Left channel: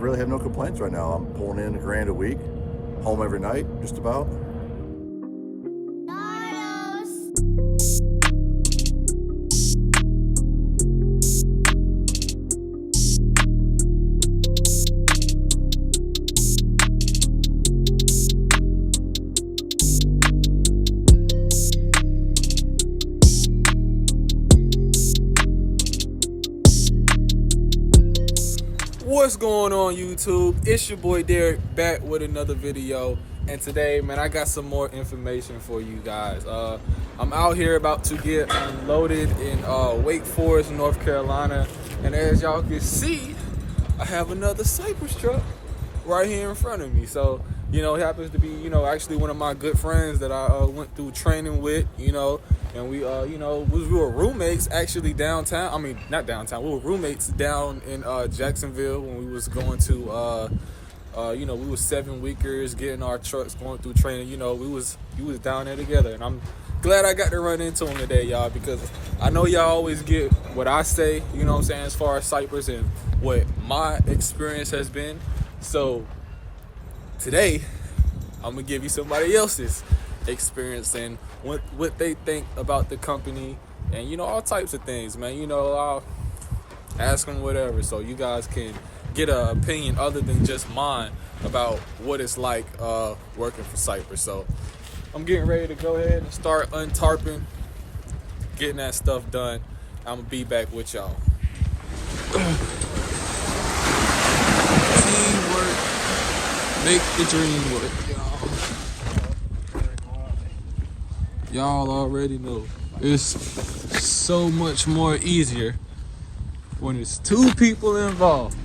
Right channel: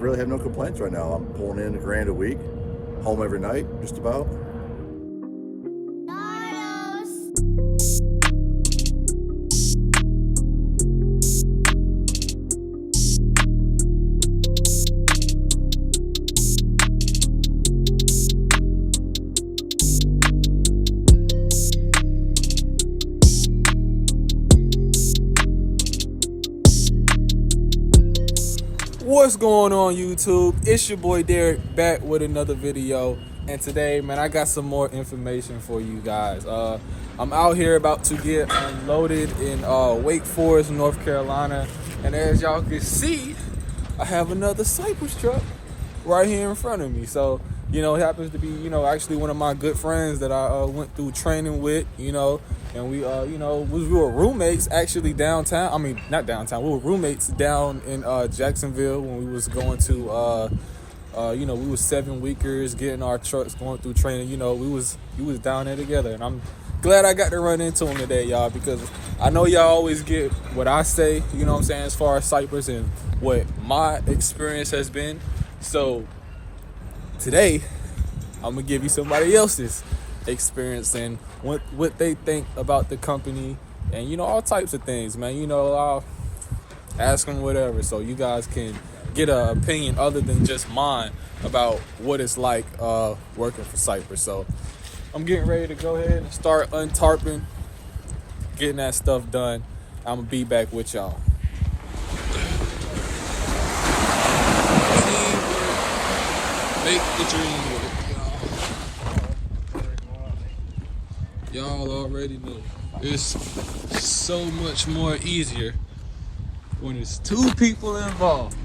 really have no complaints right now. I'm pulling in $1,000 a week, home every night, just about. What's going on, YouTube? It's your boy Derek back with another video, and today, man, I got some more information for you guys. I'm out here about to get unloaded in Wake Forest, North Carolina, and as y'all can see, I have another Cypress truck right here in front of me. So, it happens to be, actually one of my good friends that I went through training with, and we were roommates actually downtown. I mean, not downtown. We were roommates down in Jacksonville when we was going to, we was 7 weekers getting our trucks going through training. We was down there together, and I'm glad I got to run into him today, y'all, because I know y'all always get what I say, as far as Cypress and what my experience has been. So today, I'm gonna give you somebody else's experience and what they think about the company, and all types of things, man. I'll ask them whatever, so you guys can get an opinion other than just mine about what it's like working for Cypress. So I'm getting ready to go ahead and start untarping, getting that stuff done. I'm gonna be back with y'all. Teamwork make the dream work, y'all already know it's so much more easier when it's 2 people involved.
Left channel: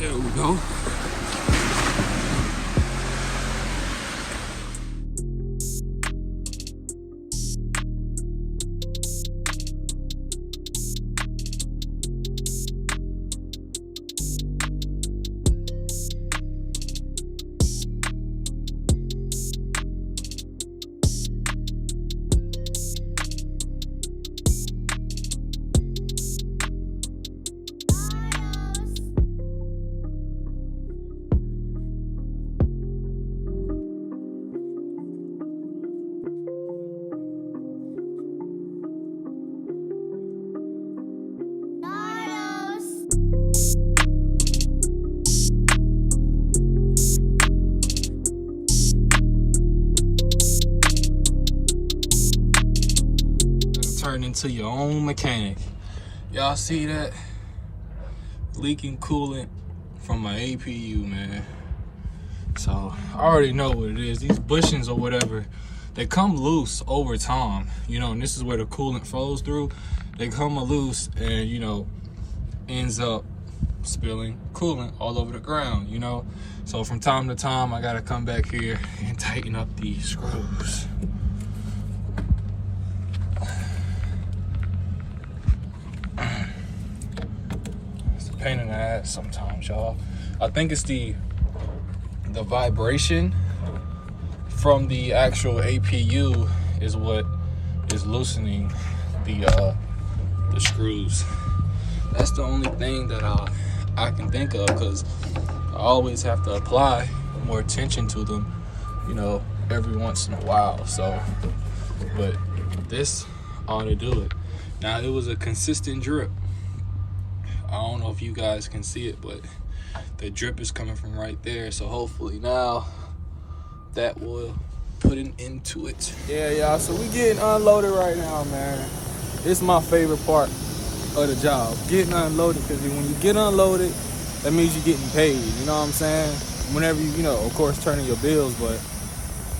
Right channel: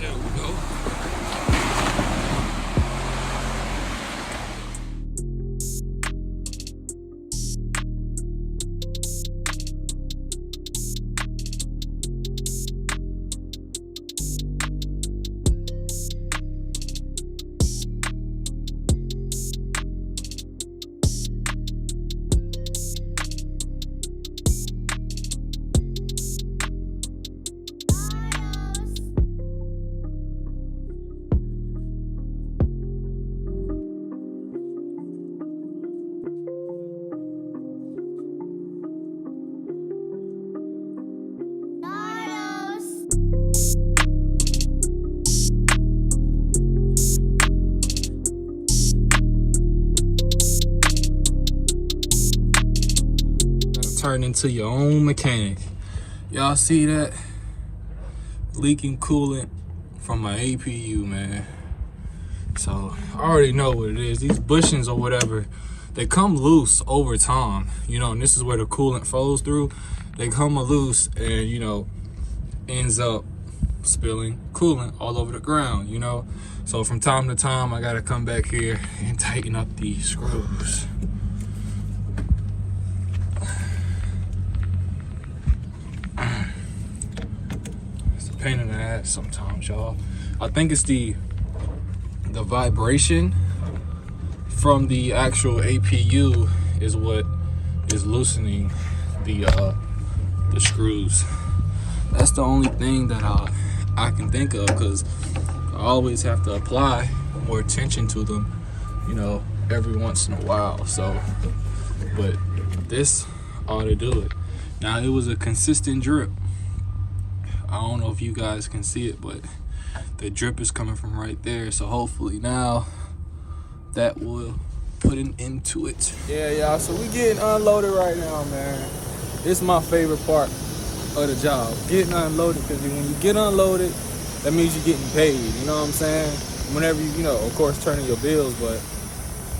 There we go. Turn into your own mechanic. Y'all see that? Leaking coolant from my APU, man. So I already know what it is. These bushings or whatever, they come loose over time, and this is where the coolant flows through. They come loose and, ends up spilling coolant all over the ground, So from time to time, I gotta come back here and tighten up these screws. Pain in the ass sometimes, y'all. I think it's the vibration from the actual APU is what is loosening the screws. That's the only thing that I can think of, because I always have to apply more attention to them, every once in a while. So, but this ought to do it. Now, it was a consistent drip. I don't know if you guys can see it, but the drip is coming from right there. So hopefully now that will put an end to it. Yeah, y'all, so we getting unloaded right now, man. It's my favorite part of the job, getting unloaded, because when you get unloaded, that means you're getting paid, you know what I'm saying? Whenever you, of course, turning your bills, but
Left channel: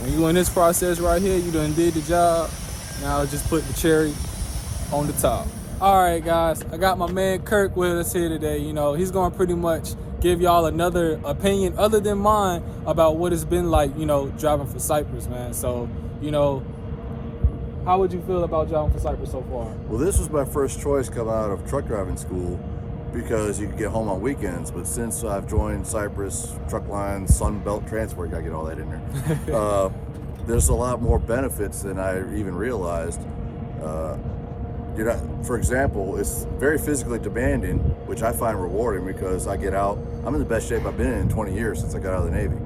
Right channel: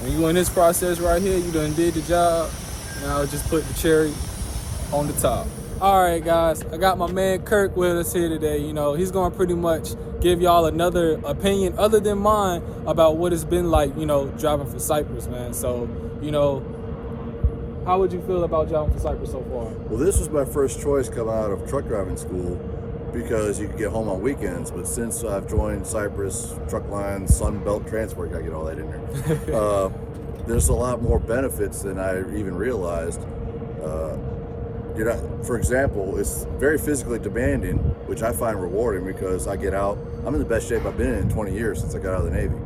when you in this process right here, you done did the job. Now it's just putting the cherry on the top. All right, guys, I got my man Kirk with us here today. He's going to pretty much give y'all another opinion other than mine about what it's been like, driving for Cypress, man. So How would you feel about driving for Cypress so far? Well, this was my first choice coming out of truck driving school because you could get home on weekends. But since I've joined Cypress, Truck Line, Sun Belt Transport, gotta get all that in there. There's a lot more benefits than I even realized. For example, it's very physically demanding, which I find rewarding because I get out. I'm in the best shape I've been in 20 years since I got out of the Navy,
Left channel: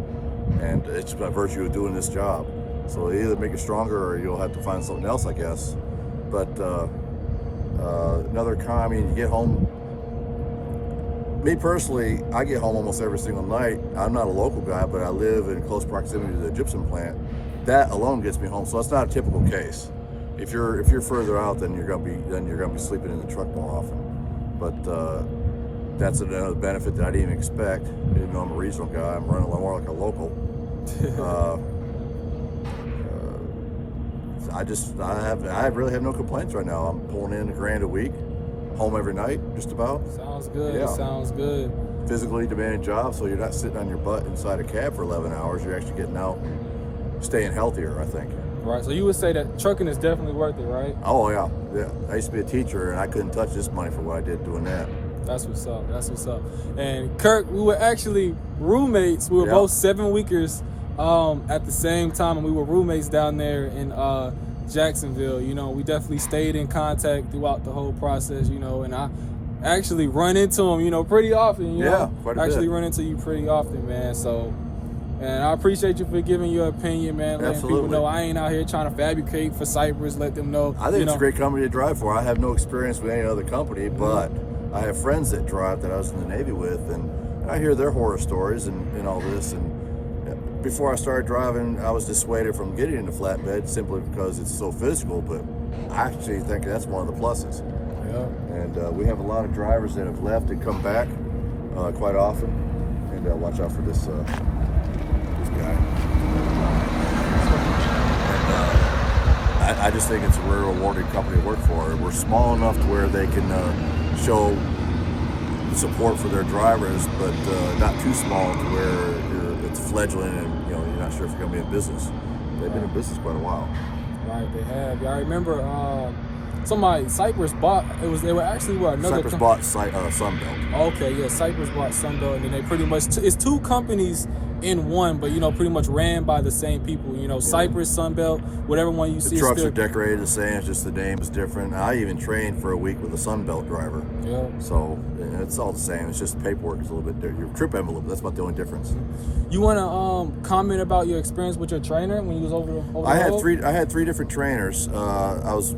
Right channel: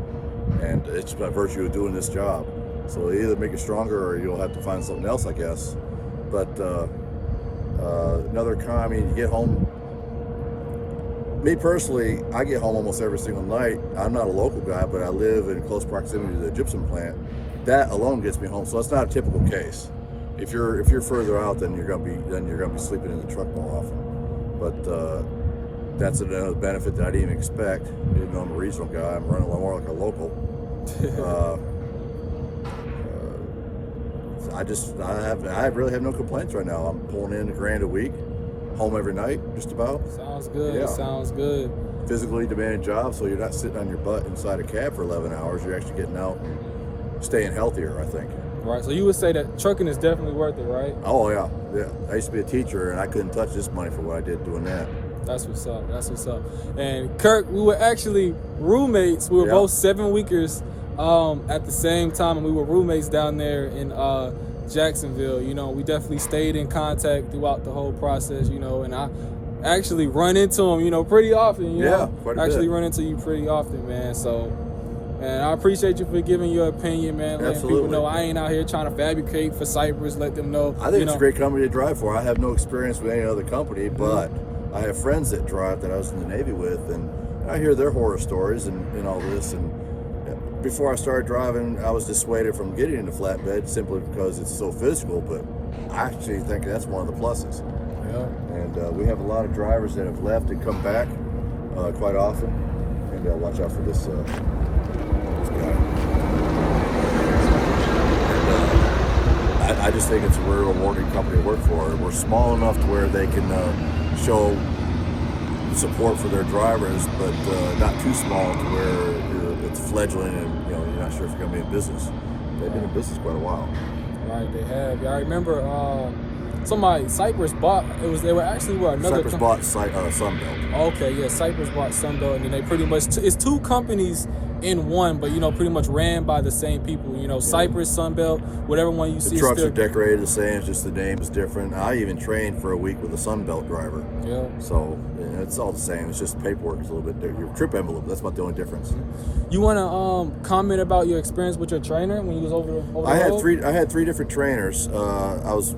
and it's by virtue of doing this job. So they either make you stronger or you'll have to find something else, I guess. But another con, I mean, you get home. Me personally, I get home almost every single night. I'm not a local guy, but I live in close proximity to the gypsum plant. That alone gets me home. So that's not a typical case. If you're further out, then you're gonna be sleeping in the truck more often. But that's another benefit that I didn't even expect. Even though I'm a regional guy, I'm running more like a local. I really have no complaints right now. I'm pulling in $1,000 a week, home every night, just about. Sounds good. Yeah. Sounds good. Physically demanding job, so you're not sitting on your butt inside a cab for 11 hours. You're actually getting out, staying healthier, I think. Right. So you would say that trucking is definitely worth it, right? Oh yeah. I used to be a teacher, and I couldn't touch this money for what I did doing that. That's what's up. That's what's up. And Kirk, we were actually roommates. We were both 7-weekers at the same time, and we were roommates down there in Jacksonville. We definitely stayed in contact throughout the whole process. And I actually run into him, pretty often. Quite a actually bit. run into you pretty often, man. So, and I appreciate you for giving your opinion, man. Letting Absolutely. people know I ain't out here trying to fabricate for Cypress. Let them know. I think it's a great company to drive for. I have no experience with any other company, but I have friends that drive that I was in the Navy with, and I hear their horror stories and all this. And before I started driving, I was dissuaded from getting into flatbed simply because it's so physical, but I actually think that's one of the pluses. Yeah. And we have a lot of drivers that have left and come back quite often. And watch out for this guy. And, I just think it's a very rewarding company to work for. We're small enough to where they can show support for their drivers, but not too small to where it's fledgling and you're not sure if you're going to be in business. They've been in business quite a while. Right, they have. Yeah, I remember Cypress bought. They were actually another. Cypress bought Sunbelt. Okay, yeah, Cypress bought Sunbelt, and then they pretty much it's two companies in one, but pretty much ran by the same people. Cypress, Sunbelt, whatever one you see. The trucks are decorated the same, it's just the name is different. I even trained for a week with a Sunbelt driver. Yeah. So it's all the same. It's just the paperwork is a little bit different. Your trip envelope, that's about the only difference. You want to comment about your experience with your trainer when you was over the road? I had three different trainers. I was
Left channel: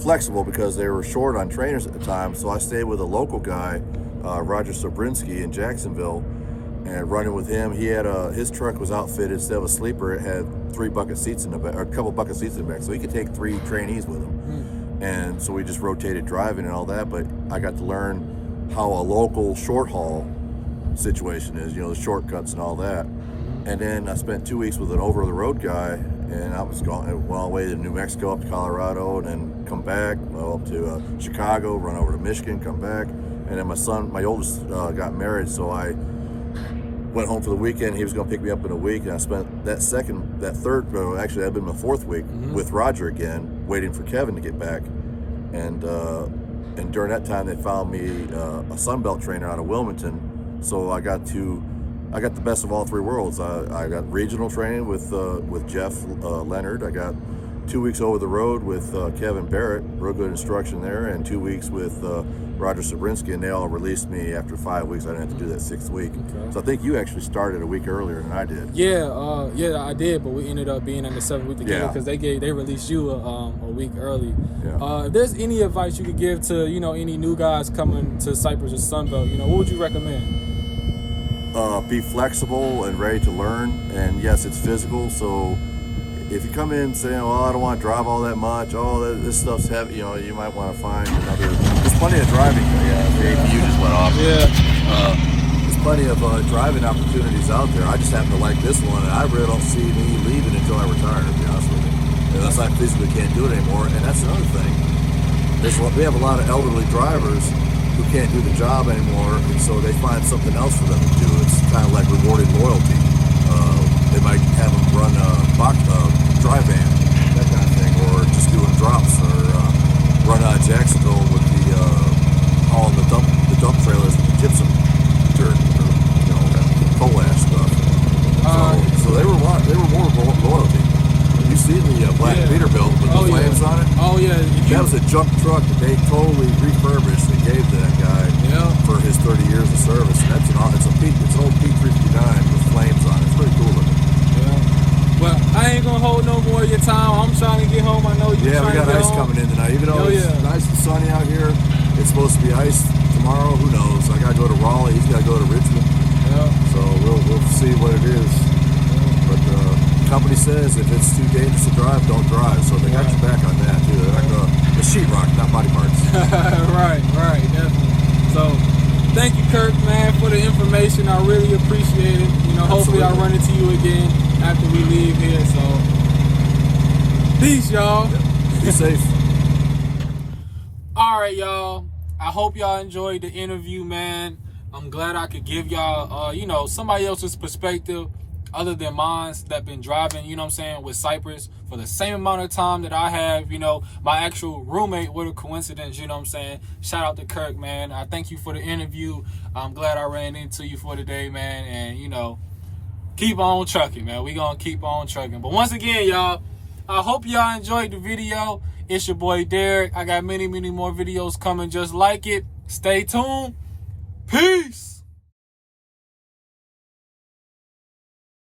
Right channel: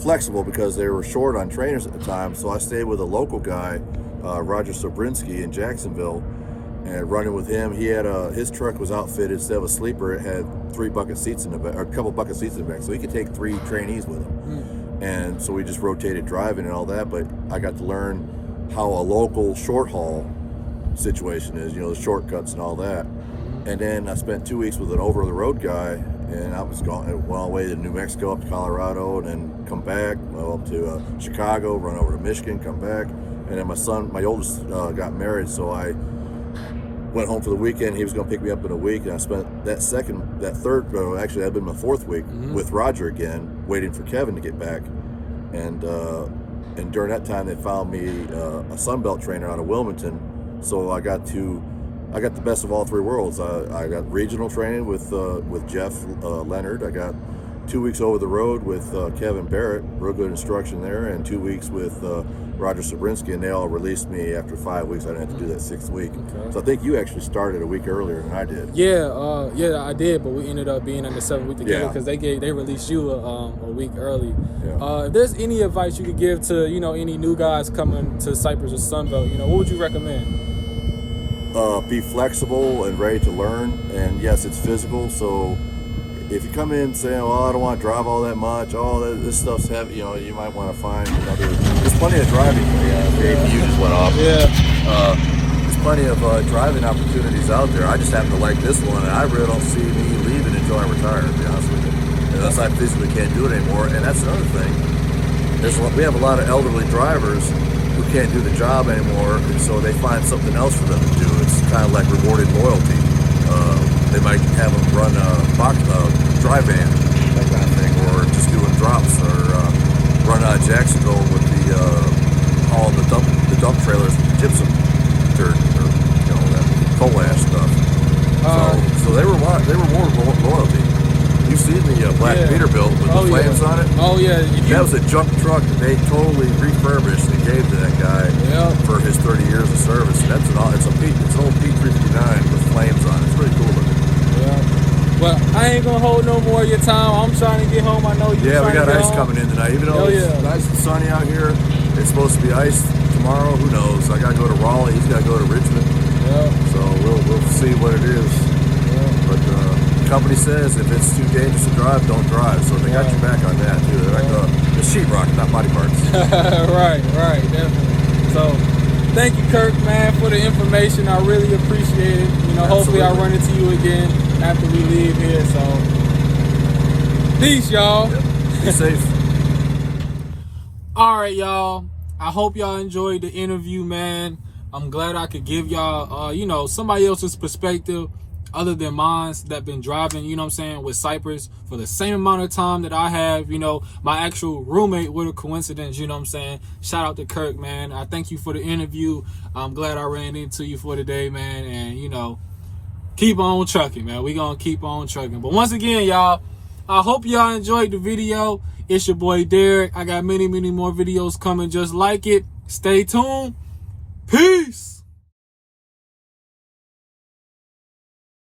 flexible because they were short on trainers at the time, so I stayed with a local guy, Roger Sobrinsky in Jacksonville, and running with him. He had his truck was outfitted instead of a sleeper. It had 3 bucket seats in the back, or a couple bucket seats in the back, so he could take 3 trainees with him. And so we just rotated driving and all that. But I got to learn how a local short haul situation is, the shortcuts and all that. And then I spent 2 weeks with an over the road guy, and I was going all the way to New Mexico, up to Colorado, and then come back, up to Chicago, run over to Michigan, come back. And then my oldest got married, so I went home for the weekend. He was going to pick me up in a week, and I spent actually I've been my 4th week with Roger again, waiting for Kevin to get back. And during that time, they found me a Sunbelt trainer out of Wilmington, so I got the best of all 3 worlds. I got regional training with Jeff Leonard. I got 2 weeks over the road with Kevin Barrett, real good instruction there, and 2 weeks with Roger Sobrinsky, and they all released me after 5 weeks. I didn't have to do that 6th week. Okay. So I think you actually started a week earlier than I did. Yeah, I did, but we ended up being on the 7th week together because they released you a week early. Yeah. If there's any advice you could give to any new guys coming to Cypress or Sunbelt, what would you recommend? Be flexible and ready to learn, and yes, it's physical, so if you come in saying, well, I don't want to drive all that much, this stuff's heavy, you might want to find another. There's plenty of driving. There's plenty of driving opportunities out there. I just happen to like this one, and I really don't see me leaving until I retire, to be honest with you. Unless I physically can't do it anymore. And that's another thing. We have a lot of elderly drivers who can't do the job anymore, and so they find something else for them to do. It's kind of like rewarded loyalty. They might have them run a dry van seen the black Yeah. Peterbilt with the flames on it? Oh yeah. That was a junk truck that they totally refurbished and gave to that guy for his 30 years of service. And it's an old P359 with flames on it. It's pretty cool looking. Yeah. Well, I ain't gonna hold no more of your time. I'm trying to get home. I know you. Yeah, we trying got to get ice home. coming in tonight. Even though it's nice and sunny out here, it's supposed to be ice tomorrow. Who knows? I gotta go to Raleigh. He's gotta go to Richmond. Yeah. So we'll see what it is. Yeah. But the company says if it's too dangerous to drive, don't drive. So they got your back on that too. They're like the sheetrock, not body parts. Right, definitely. So thank you, Kirk, man, for the information. I really appreciate it. You know, hopefully I'll run into you again after we leave here. So peace, y'all. Yep. Be safe. All right, y'all. I hope y'all enjoyed the interview, man. I'm glad I could give y'all, you know, somebody else's perspective other than mine that been driving, you know what I'm saying, with Cypress for the same amount of time that I have. You know, my actual roommate, with a coincidence, you know what I'm saying. Shout out to Kirk, man. I thank you for the interview. I'm glad I ran into you for today, man. And, you know, keep on trucking, man. We gonna keep on trucking. But once again, y'all, I hope y'all enjoyed the video. It's your boy Derek. I got many more videos coming just like it. Stay tuned. Peace.